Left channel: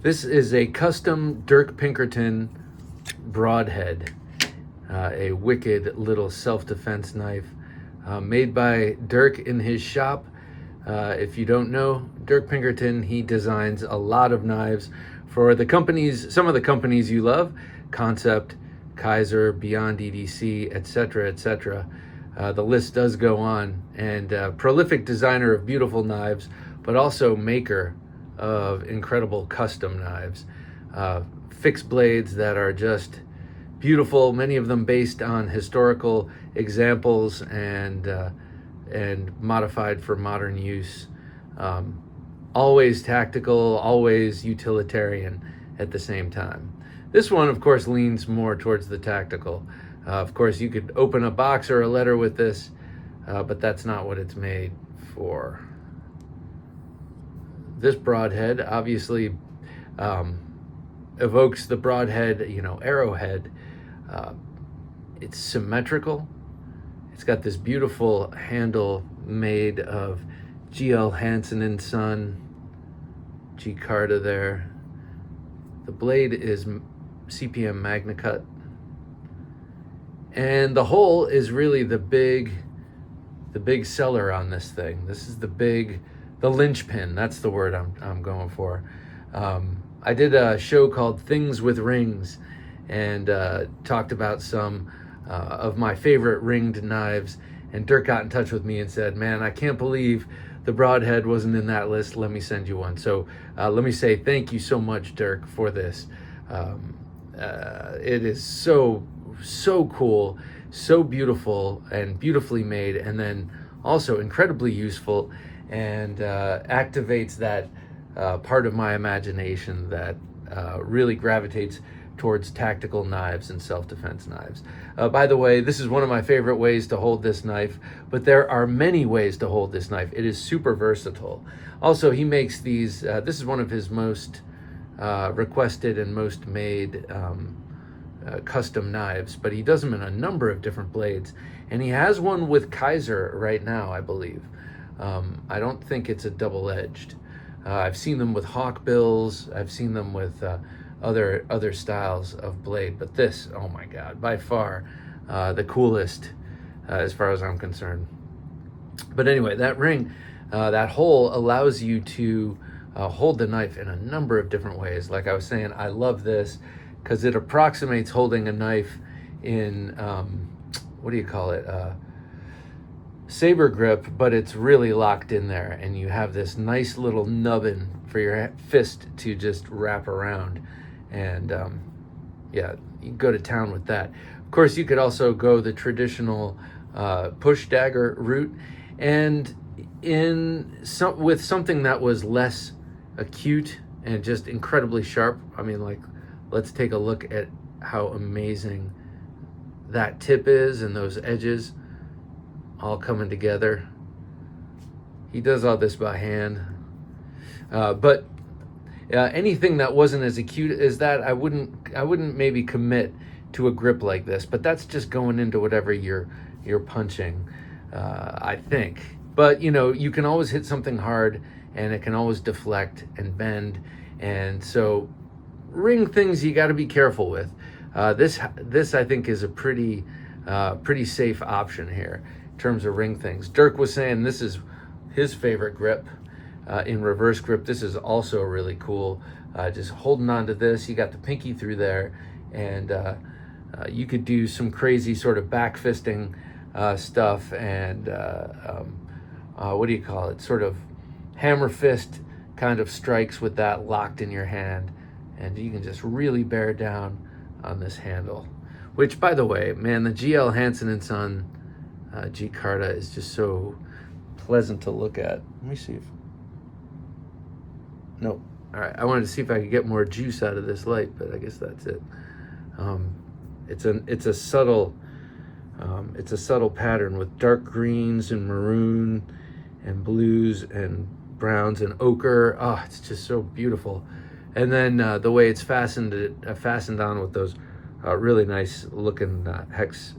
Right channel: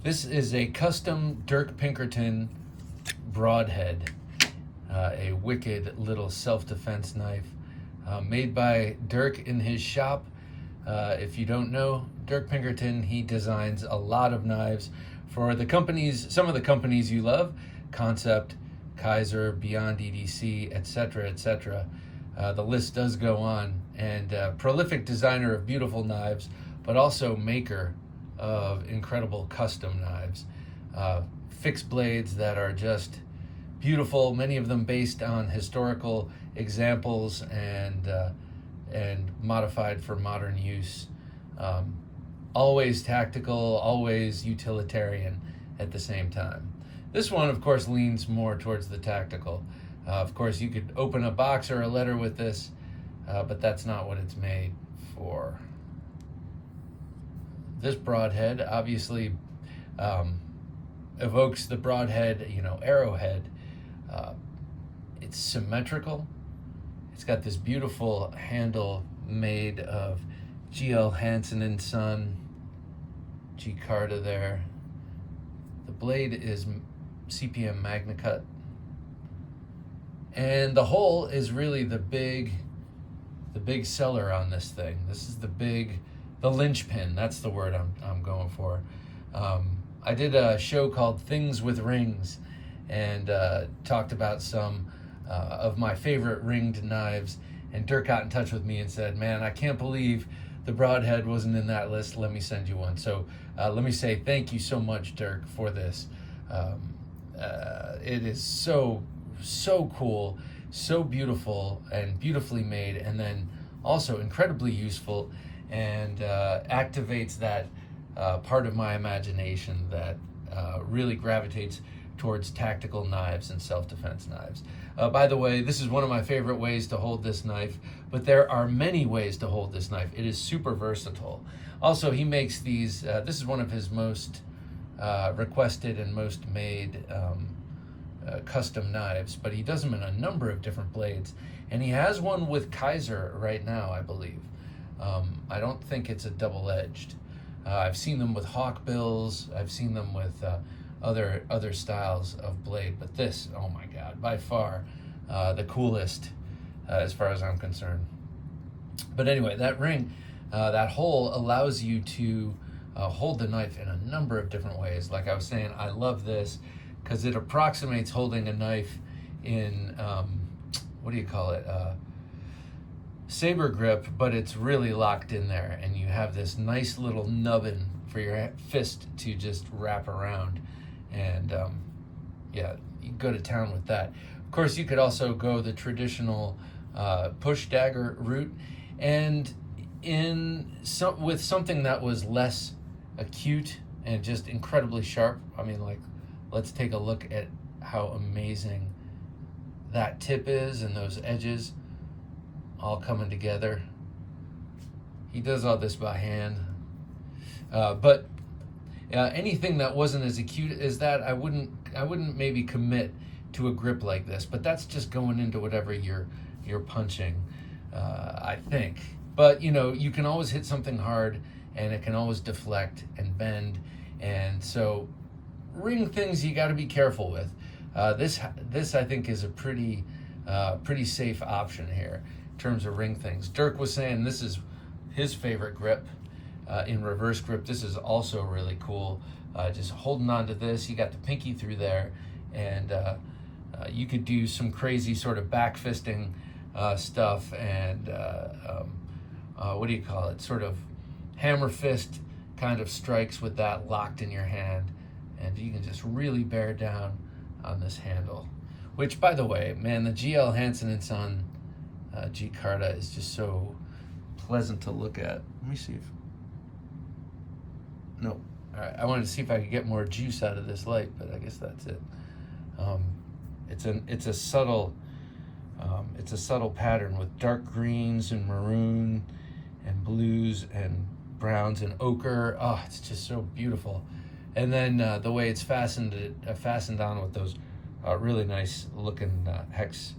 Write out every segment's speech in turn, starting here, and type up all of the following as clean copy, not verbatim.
This is a custom Dirk Pinkerton Broadhead, a wicked little self-defense knife made by Dirk in his shop. If you don't know Dirk Pinkerton, he designs a lot of knives for the companies, some of the companies you love, Concept, Kaiser, Beyond EDC, etc., etc. The list does go on, and prolific designer of beautiful knives, but also maker of incredible custom knives. Fixed blades that are just beautiful, many of them based on historical examples and modified for modern use. Always tactical, always utilitarian at the same time. This one, of course, leans more towards the tactical. Of course, you could open a box or a letter with this, but that's not what it's made for. This broadhead obviously evokes the broadhead, arrowhead. It's symmetrical. It's got this beautiful handle made of G.L. Hansen and Son, Gcarta there. The blade is CPM MagnaCut. And the hole is really the big seller on this thing. This is the linchpin. That's the word I'm going for. I did a show called Things with Rings and talked about some of my favorite ringed knives. And Dirk got in touch with me and said, "Man, I can't believe the Broadhead wasn't in that list. Let me send you one." So let me say thank you so much, Dirk, for this. It is so cool, so beautiful and beautifully made, and then also incredibly useful, and activates that part of my imagination that really gravitates towards tactical knives and self-defense knives. By the way, this is one of my favorite ways to hold this knife, but there are many ways to hold this knife. It is super versatile. Also, he makes these, this is one of his most requested and most made custom knives, but he does them in a number of different blades, and he has one with Kaiser right now, I believe. I don't think it's a double-edged. I've seen them with hawk bills. I've seen them with other styles of blade, but this, oh my God, by far the coolest as far as I'm concerned. But anyway, that ring, that hole allows you to hold the knife in a number of different ways. Like I was saying, I love this because it approximates holding a knife in, what do you call it? Saber grip, but it's really locked in there, and you have this nice little nubbin for your fist to just wrap around, and yeah, you can go to town with that. Of course, you could also go the traditional push dagger route, and with something that was less acute and just incredibly sharp. I mean, like, let's take a look at how amazing that tip is and those edges all coming together. He does all this by hand, but anything that wasn't as acute as that, I wouldn't maybe commit to a grip like this. But that's just going into whatever you're punching, I think. But you can always hit something hard, and it can always deflect and bend, and so ring things you got to be careful with. This I think is a pretty safe option here in terms of ring things. Dirk was saying this is his favorite grip. In reverse grip, this is also really cool. Just holding on to this, you got the pinky through there, and you could do some crazy sort of back fisting stuff, and what do you call it? Sort of hammer fist kind of strikes with that locked in your hand, and you can just really bear down on this handle. Which, by the way, man, the G.L. Hansen and Son Gcarta is just so pleasant to look at. Let me see if... Nope. All right, I wanted to see if I could get more juice out of this light, but I guess that's it. It's a subtle pattern with dark greens and maroon and blues and browns and ochre. Oh, it's just so beautiful. And then the way it's fastened on with those really nice looking hex,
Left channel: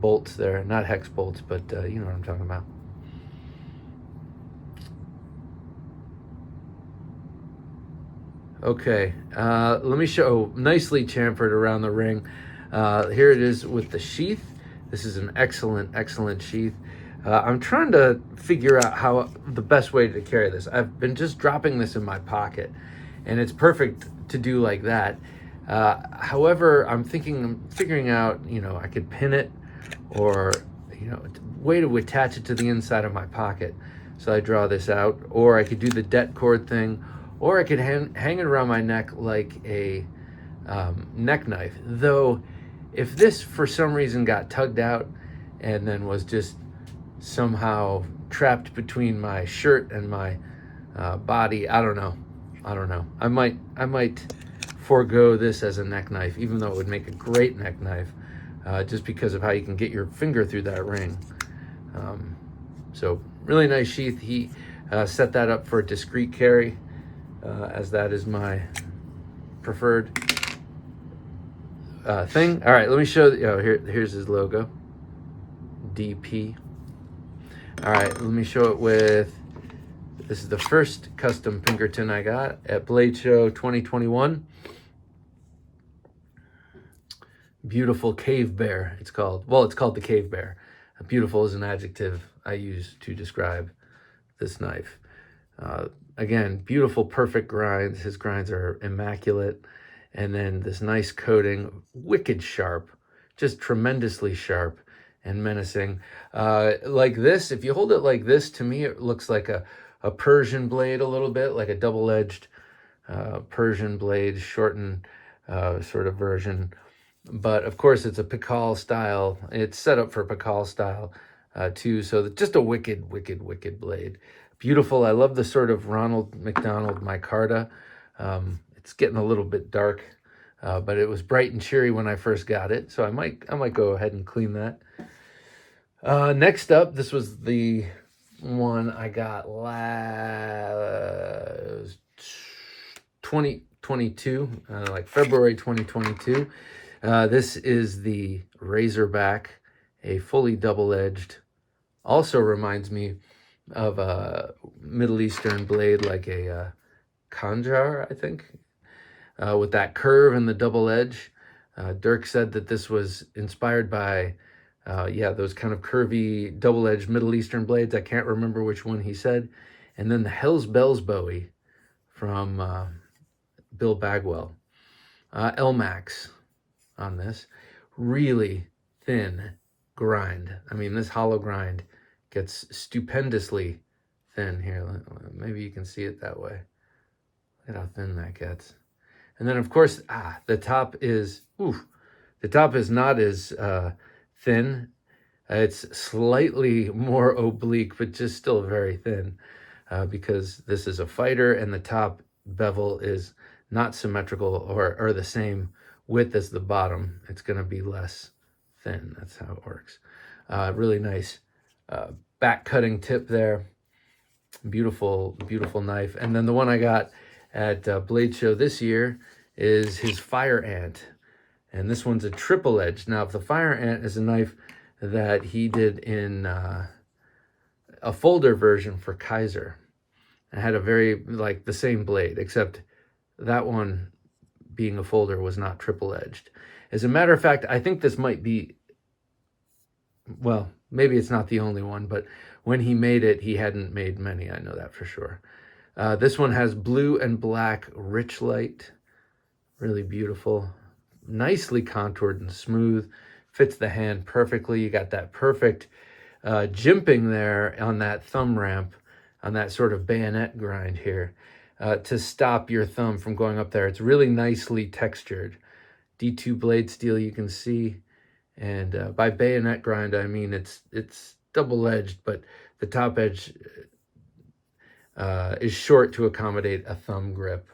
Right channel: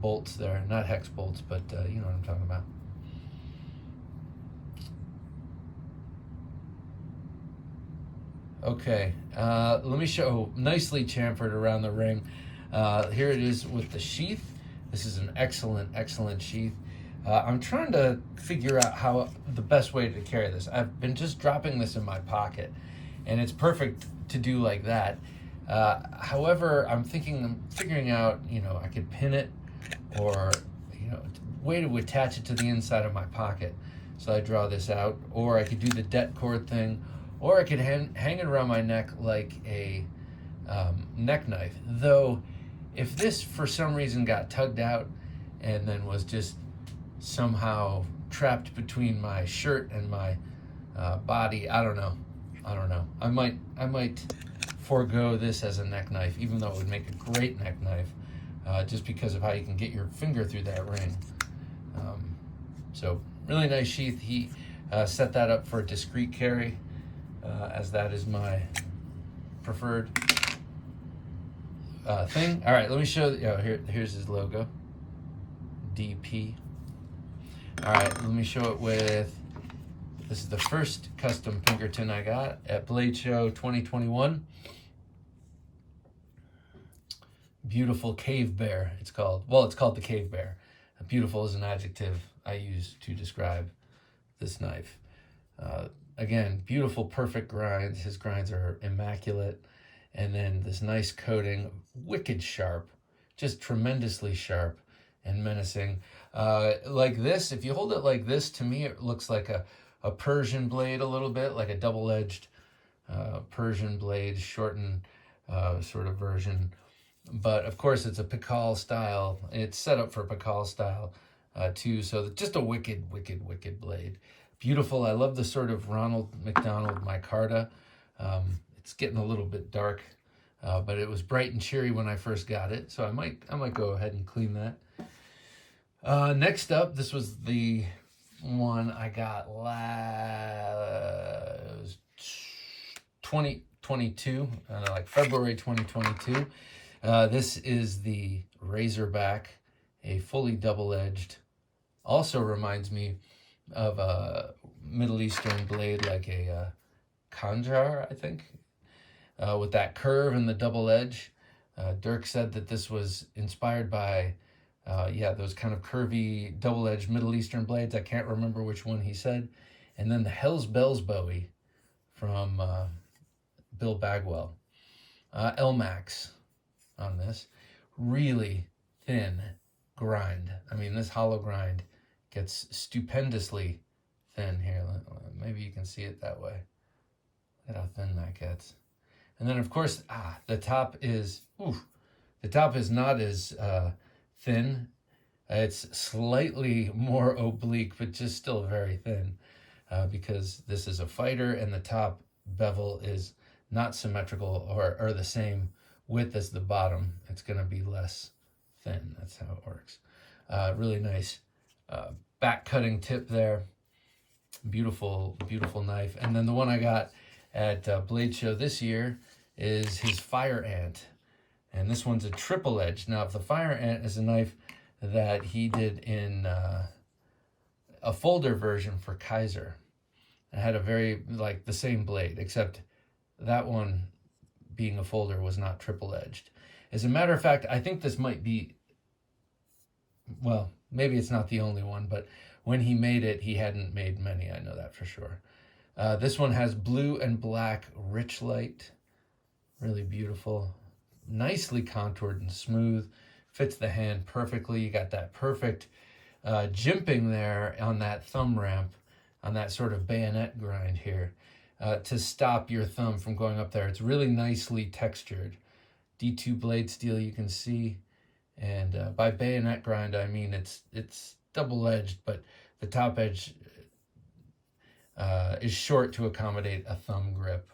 bolts there. Not hex bolts, but you know what I'm talking about. Okay, let me show, nicely chamfered around the ring. Here it is with the sheath. This is an excellent, excellent sheath. I'm trying to figure out how the best way to carry this. I've been just dropping this in my pocket, and it's perfect to do like that. However, I'm figuring out, I could pin it, or, way to attach it to the inside of my pocket. So I draw this out, or I could do the det cord thing, or I could hang it around my neck like a neck knife. Though, if this for some reason got tugged out and then was just somehow trapped between my shirt and my body, I don't know. I might forego this as a neck knife, even though it would make a great neck knife, just because of how you can get your finger through that ring. So really nice sheath. He set that up for a discreet carry, as that is my preferred thing. All right, let me show. Here's his logo, DP. All right, let me show it with. This is the first custom Pinkerton I got at Blade Show 2021. Beautiful cave bear, it's called. Well, it's called the cave bear. Beautiful is an adjective I use to describe this knife. Again, beautiful, perfect grinds. His grinds are immaculate. And then this nice coating, wicked sharp, just tremendously sharp and menacing. Like this, if you hold it like this, to me, it looks like a Persian blade a little bit, like a double-edged Persian blade, shortened sort of version. But of course, it's a Pikal style. It's set up for Pikal style too. So just a wicked, wicked, wicked blade. Beautiful. I love the sort of Ronald McDonald micarta. It's getting a little bit dark, but it was bright and cheery when I first got it. So I might go ahead and clean that. Next up, this was the one I got last 2022, like February 2022. This is the Razorback, a fully double-edged. Also reminds me of a Middle Eastern blade, like a Khanjar, I think, with that curve and the double edge. Dirk said that this was inspired by, those kind of curvy double-edged Middle Eastern blades. I can't remember which one he said. And then the Hell's Bells Bowie from Bill Bagwell. L-Max on this. Really thin grind. I mean, this hollow grind gets stupendously thin here. Maybe you can see it that way. Look at how thin that gets. And then, of course, the top is not as thin. It's slightly more oblique, but just still very thin, because this is a fighter, and the top bevel is not symmetrical or the same width as the bottom. It's going to be less thin. That's how it works. Really nice back cutting tip there. Beautiful, beautiful knife. And then the one I got at Blade Show this year is his Fire Ant. And this one's a triple edge. Now, if the Fire Ant is a knife that he did in a folder version for Kaiser, it had a very, like, the same blade, except that one being a folder was not triple edged. As a matter of fact, I think this might be, well, maybe it's not the only one, but when he made it, he hadn't made many. I know that for sure. This one has blue and black rich light. Really beautiful. Nicely contoured and smooth. Fits the hand perfectly. You got that perfect jimping there on that thumb ramp, on that sort of bayonet grind here, to stop your thumb from going up there. It's really nicely textured. D2 blade steel, you can see. And by bayonet grind, I mean it's double-edged, but the top edge is short to accommodate a thumb grip.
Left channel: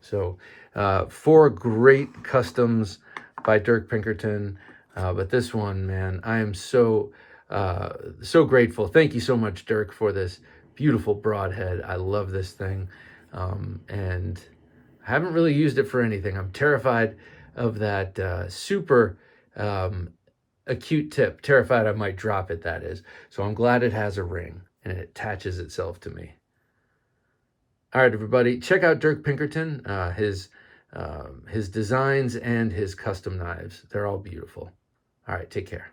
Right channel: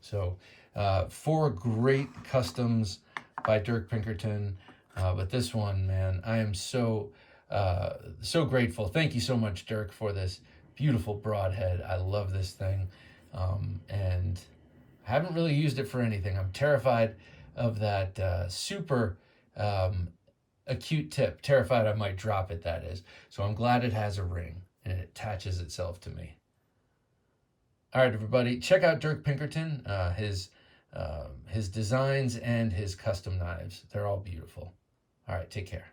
So 4 great customs by Dirk Pinkerton, but this one, man, I am so grateful. Thank you so much, Dirk, for this beautiful broadhead. I love this thing, and I haven't really used it for anything. I'm terrified of that super acute tip. Terrified I might drop it, that is. So I'm glad it has a ring and it attaches itself to me. All right, everybody, check out Dirk Pinkerton, his designs and his custom knives. They're all beautiful. All right, take care.